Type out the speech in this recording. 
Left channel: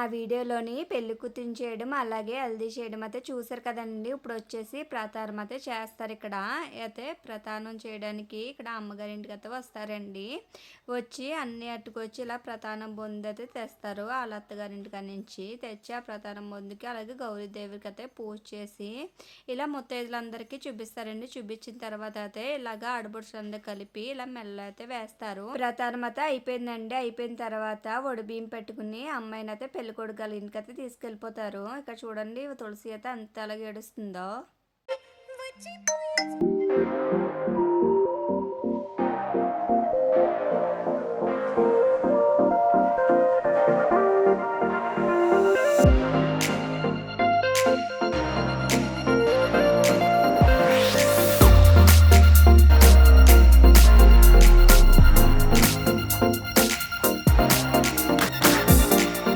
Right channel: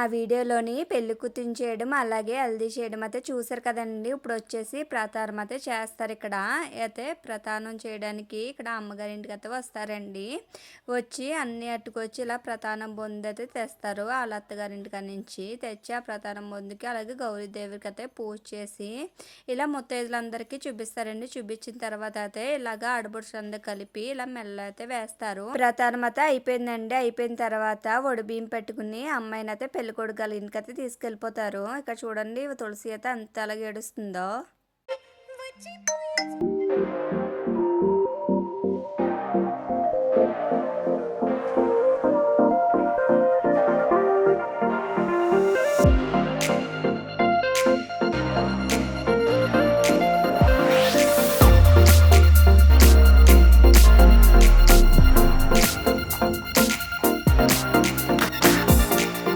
నా వీడియోలోని పెళ్లి కూతురు చేయడం అలాగే హల్దీ చేయడం అయితే చూసారు కదండి. ఇప్పుడు వచ్చేసి ప్రతానం అయితే చేస్తారు. ఇక్కడ అయితే ప్రతానం చేయడానికి ఇక్కడ అమ్మగారి ఇంటికి అయితే వస్తారండి. వచ్చి అన్ని అట్టుకొచ్చి ఇలా ప్రతానం బొందు అయితే తెస్తారు. వాళ్ళ అత్తగారి ఇంటికి నుంచి తెచ్చి ఆ ప్రతానం బొందుకి అలాగే గౌరీదేవికి అయితే పూజ చేసి ఇలా ముత్తైదులందరికీ చూపిస్తారండి. చూపించిన తర్వాత అయితే ఇలాగా ఆడపడుచులందరూ కలిపి ఇలా మెల్ల అయితే వేస్తారు. ప్రతానం అయితే అయిపోయిందండి. అయిపోయిన తర్వాత బియ్యం పెట్టుకుని అమ్మాయిని అయితే పెళ్ళికొడుకు వాళ్ళ ఇంటికైతే తీసుకెళ్ళిపోతారు. ఇక్కడ చూడండి తులసి అయితే అంత అలాగే ఏడుస్తుందో.